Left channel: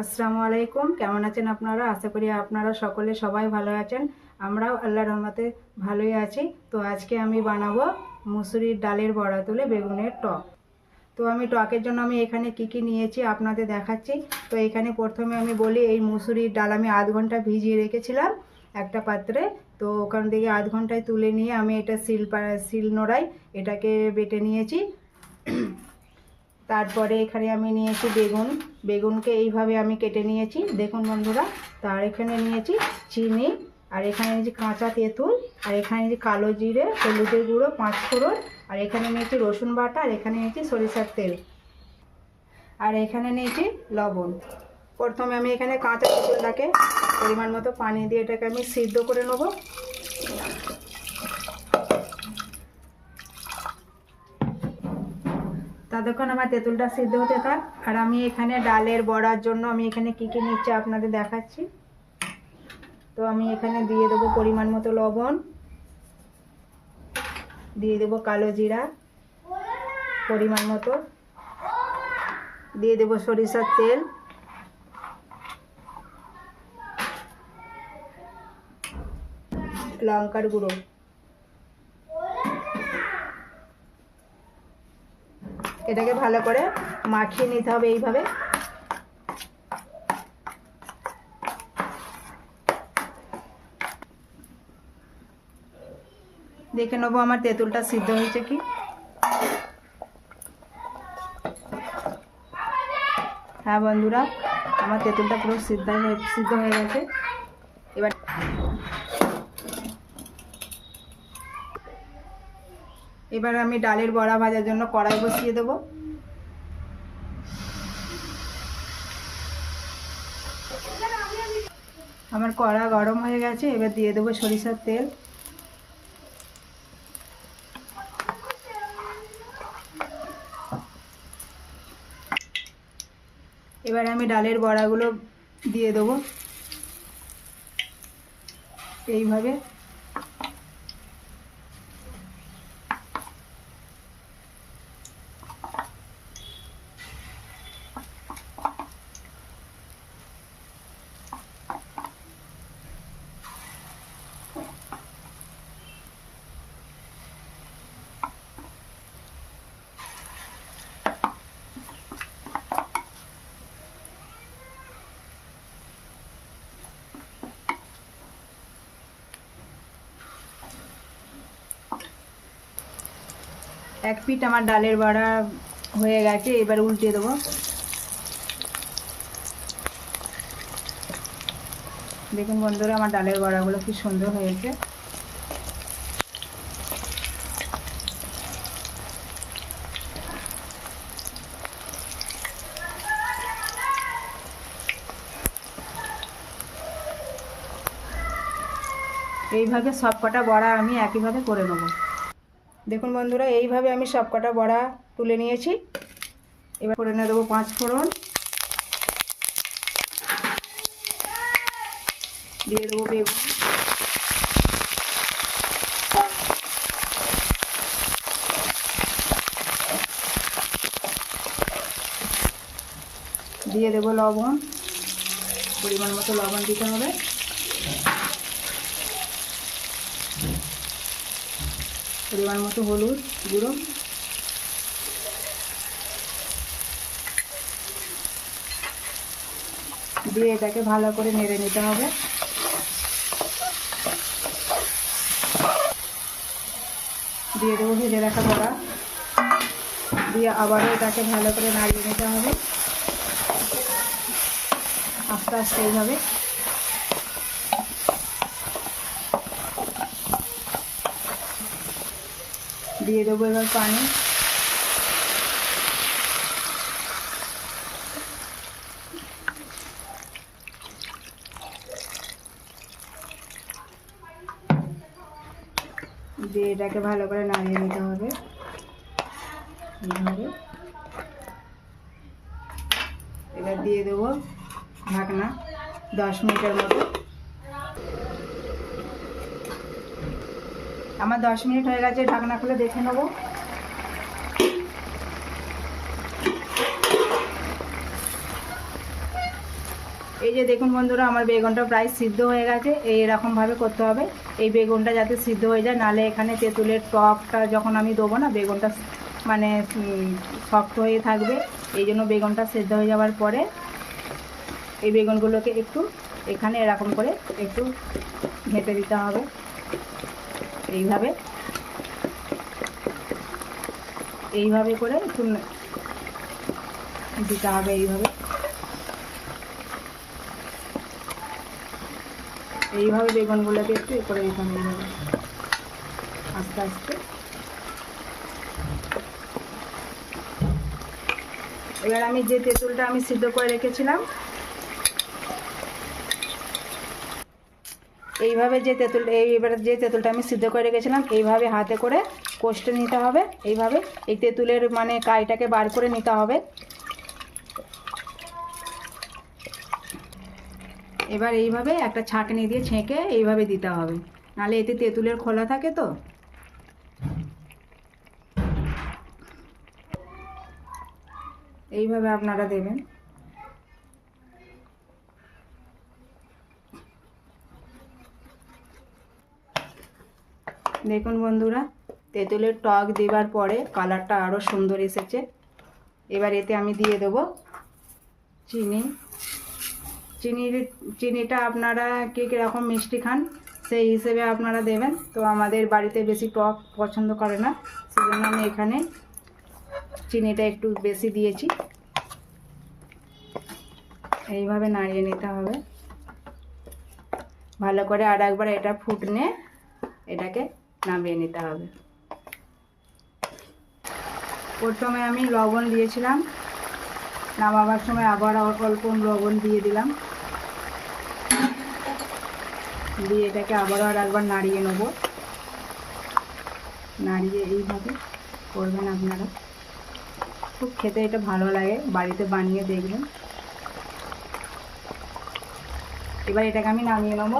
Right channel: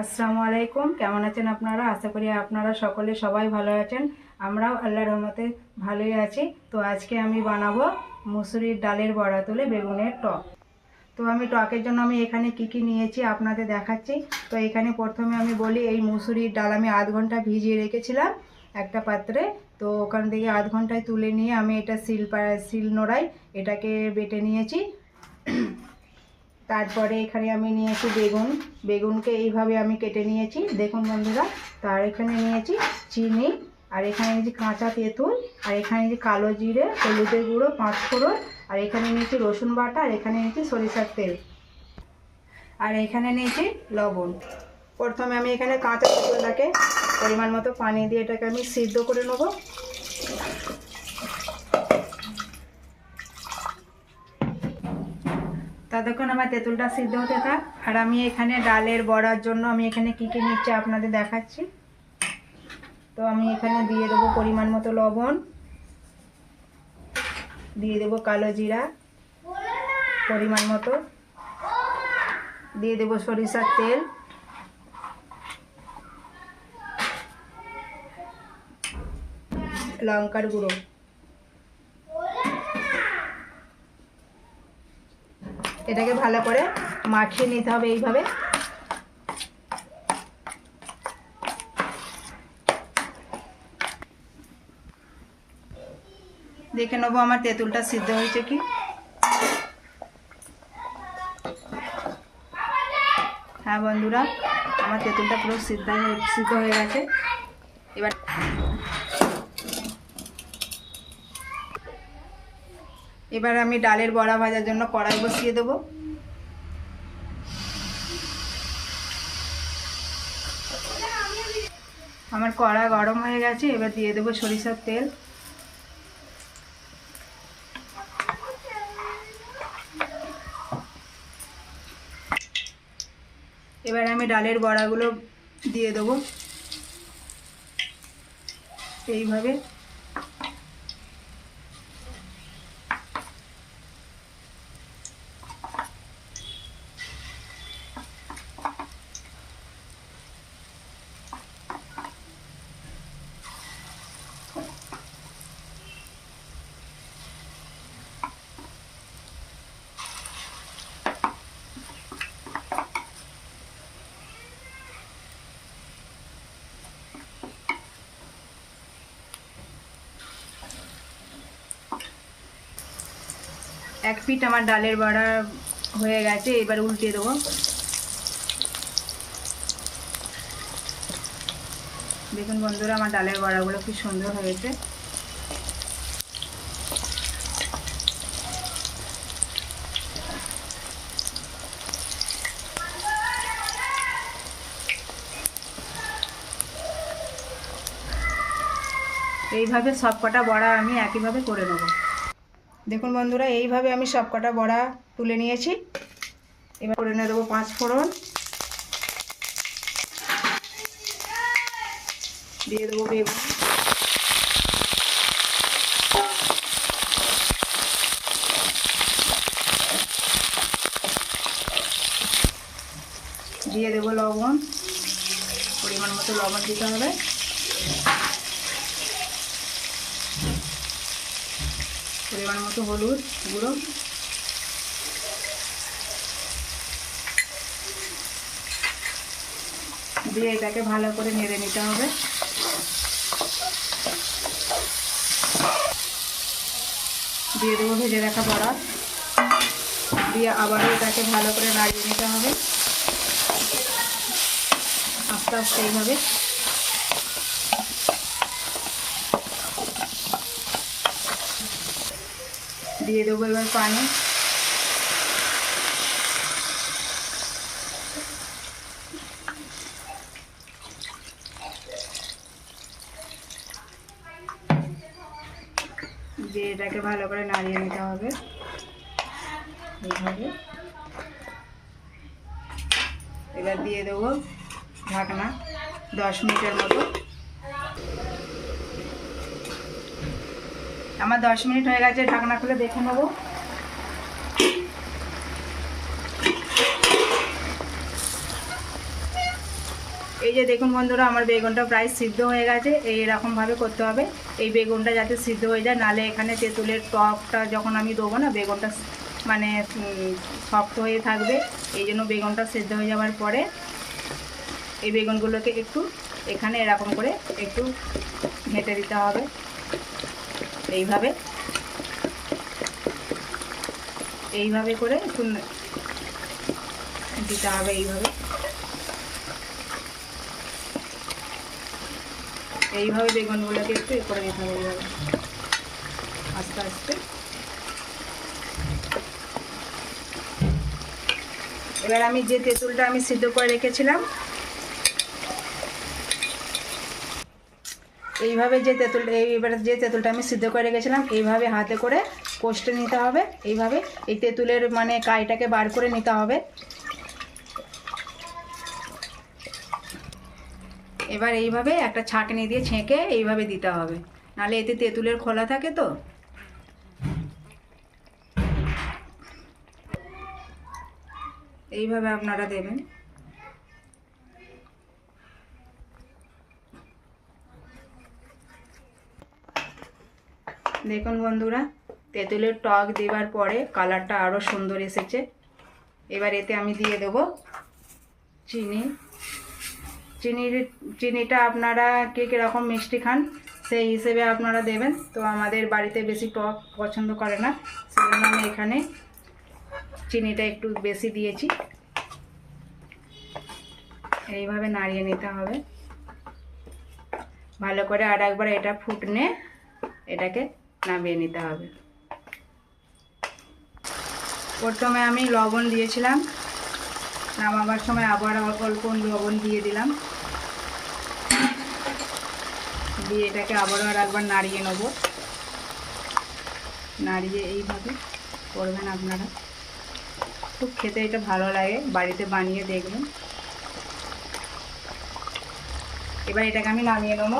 আসসালামু আলাইকুম। কেমন আছেন আপনারা? আশা করি আপনারা সকলে সবাই ভালো আছেন। আমরাও আল্লাহর রহমতে ভালোই আছি। তো আজকে আমি বানাবো মুসুরির ডালের বড়া তুলে বেগুনের টক। তো আমি টকের জন্য আমি এখানে কি নিয়েছি আপনাদের দেখাচ্ছি। তো এখানে প্রথমে আমি বলি, এই মুসুরির ডাল আমি আধ ঘন্টা ভিজিয়ে রেখেছিলাম একটা পাত্রে। তো ওখান থেকে আধ ঘন্টায় তুলে নিয়ে আমি এটা শিল নোড়ায় এটাকে বেটে নিয়েছি। তারপরে এখানে আমি নিয়েছি বেগুনকে এইভাবে আমি কেটে নিয়েছি, দেখুন বন্ধুরা। তার এখানে নিয়েছি চিনি, আর এখানে নিয়েছি কাঁচা তেঁতুল, আর এখানে নিয়েছি কালো জিরে, হলুদের গুঁড়ো, 5 ফোড়ন, আর এখানে নিয়েছি রসুন বাটা, আর এখানে নিয়েছি সরিষার তেল, আর এখানে নিয়েছি লবণ। প্রথমে আমি এখানে কাঁচা তেঁতুলটাকে পরিমাণ মতো পানি দিয়ে এটাকে আমি সিদ্ধ করে নেব। ততক্ষণ আমার তেঁতুলটা সিদ্ধ হতে থাক। আর আমি এখানে ডালের বড়ার জন্য আমি এখানে কি নিচ্ছি আপনাদের দেখাচ্ছি। তো আমি এখানে দিয়ে দেবো পরিমাণ মতো লবণ, দিয়ে দেবো কালো জিরা পরিমাণ মতো, দিয়ে দেবো সরিষার তেল, লঙ্কার গুঁড়ো, এটাকে ভালো করে মাখিয়ে নিতে হবে এইভাবে। দেখে নেবো আমার তেঁতুলটা সিদ্ধ হয়েছে কি। হ্যাঁ বন্ধুরা, আমার তেঁতুলটা পুরো সিদ্ধ হয়ে গেছে। এবার আমি ডালের বড়া ভাজার জন্য কড়াই বসিয়ে দেবো। আমার কড়া গরম হয়ে গেছে, এবার দিয়ে দেবো সরিষার তেল, এবার আমি ডালের বড়াগুলো দিয়ে দেবো এইভাবে। এক পিঠ আমার ডালের বড়া হয়ে গেছে, এবার উল্টে দেবো। দেখুন বন্ধুরা, আমার ডালের বড়াগুলো কি সুন্দর হয়েছে। এইভাবে সব কটা বড়া আমি একইভাবে করে নেব। দেখুন বন্ধুরা, এইভাবে আমি সব কটা বড়া তুলে নিয়েছি। এবার করে নিয়ে দেবো 5 ফোড়ন, দিয়ে দেবো বেগুন, দিয়ে দেবো লবণ, পরিমাণ মতো লবণ দিতে হবে, পরিমাণ মতো হলুদ গুঁড়ো, দিয়ে এটাকে ভালো করে নেড়ে নিতে হবে। দিয়ে দেবো ভেজে রাখা বড়া, দিয়ে আবারও এটাকে ভালো করে নাড়িয়ে নিতে হবে আস্তে আস্তে এইভাবে। দিয়ে দেবো এবার পানি, দিয়ে এটাকে ভালো করে নাড়িয়ে নিতে হবে এইভাবে। এবার দিয়ে দেবো ঢাকনা 10 মিনিটের মতো। আমার 10 মিনিট হয়ে গেছে, ঢাকনা খুলে দেখে নেবো। এই যে দেখুন বন্ধুরা, আমার বেগুনটা প্রায় সিদ্ধ হয়ে গেছে। এইরকমভাবে করতে হবে, এই বেগুনটা যাতে সিদ্ধ হয়ে যায়, নাহলে এখানে তেঁতুলের টকটা যখন আমি দেবো না, বেগুনটা মানে শক্ত হয়ে থাকবে। এই জন্য বেগুনটা সিদ্ধ হয়ে যাওয়ার পরে এই বেগুনগুলোকে একটু এখানে এরকম করে একটু ঘেঁটে দিতে হবে, এইভাবে এইভাবে করে একটু দিতে হবে, এইভাবে বেগুনগুলোকে একটু এ করে দিতে হবে, আস্তে আস্তে। এবার আমি যে তেঁতুলটা আমি সিদ্ধ করে রেখেছিলাম, এইভাবে এবারে যে তেঁতুলটা আমি সিদ্ধ করে রেখেছিলাম, এইভাবে হাতে করে কষতে নিতে হবে। এইভাবে এই তেঁতুলের মানে কাইটাকে বার করে নিতে হবে। এবার এইভাবে একটা ছাঁকনি দিয়ে ছেঁকে এইভাবে দিতে হবে, নাহলে এতে তেঁতুলের খোলা থাকে তো। এইভাবে আপনারা দেবেন। দেখুন বন্ধুরা, তেঁতুলের টক দেওয়ার পরে কালারটা আরও সুন্দর এসেছে। এবার এতে আমি দিয়ে দেবো চিনি। চিনিটা আপনারা কে কীরকম মিষ্টি খান সেই হিসেবে আপনারা দেবেন। তো আমাদের বাড়িতে বেশি টক পছন্দ করে না, সেজন্য আমি এখানে চিনিটা একটু বেশি দিয়েছি। এইভাবে নাড়িয়ে নিতে হবে ভালো করে, আর একবার এটা ফুটনে এটাকে নামিয়ে নিতে হবে। প্রথমে আমি লবণ দিয়েছিলাম, নামাবার সময় আবার অল্প লবণ দিয়ে দিলাম, দিয়ে এটাকে আবারও আর একবার নাড়িয়ে নেব। নাড়িয়ে এইভাবে করবেন আপনারা, খুব খেতে এটা ভালো লাগে, বাড়িতে বানিয়ে দেখবেন। এবার এটাকে আমি নামিয়ে নেব।